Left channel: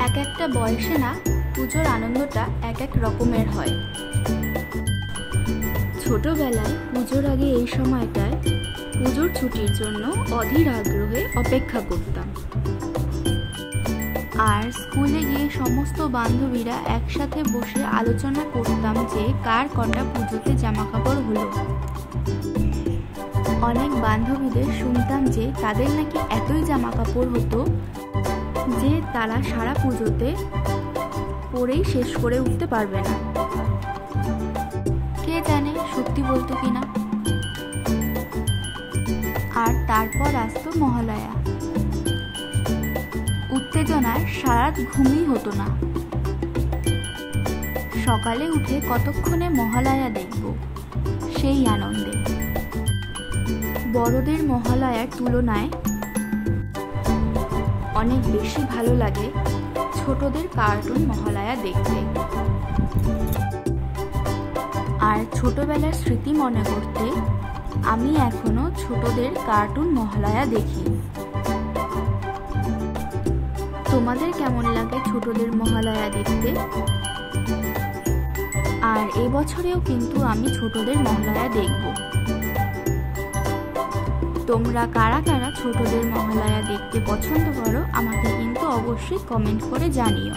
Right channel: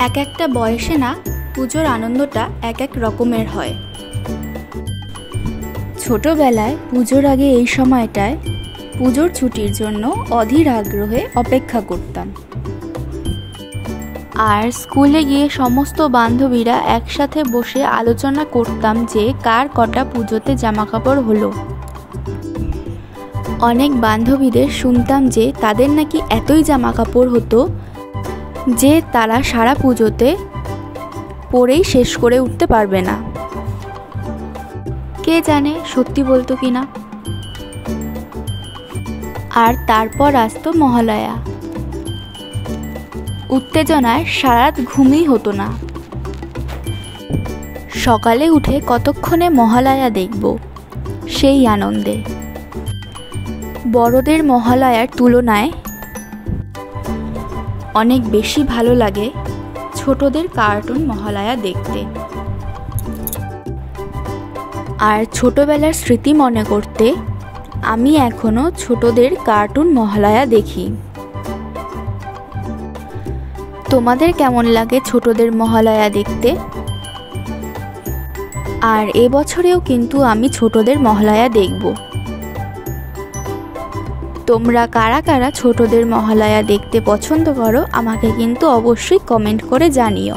এক একটা বয়সে না পুজোর আনন্দটা এক এক রকমের হয়। ছোটবেলায় পুজোর আগে এই সময়টায় পুজোর ছুটির জন্য অধীর আগ্রহে অপেক্ষা করতাম। আর স্কুলে গিয়ে সমস্ত বান্ধবীরা একসাথে বসে আলোচনা করতাম যে কার কটা পুজোতে জামাকাপড় হলো। অনেক বান্ধবীদের শুনতাম যে তাদের নাকি এতই জামাকাপড় হতো যে তারা সারা পুজোতে পরেই শেষ করে উঠতে পারবে না। কে জানে সত্যি বলতো কিনা। আর তারপর আসতো মহালয়া। উত্তেজনায় সারাত ঘুমই হতো না। সকালে উঠে কতক্ষণে মহালয়া দেখব, সেই আনন্দে। বড়দের মহালয়ার তুলনায় অনেক বেশি ভালো লাগে ছোটদের কার্টুন মহালয়া দেখতে। আর ছোটবেলার স্মৃতি মনে করতে আমি এখনো ছোটদের কার্টুন মহালয়া দেখি। তোমাদের কেমন লাগে ছোটদের মহালয়া দেখতে? আর এবছরেও কিন্তু আমি ছোটদের মহালয়া দেখব। তোমরা কারা কারা ছোটদের মহালয়া দেখতে পছন্দ করো আমাকে কিন্তু অবশ্যই কমেন্ট করে জানিও।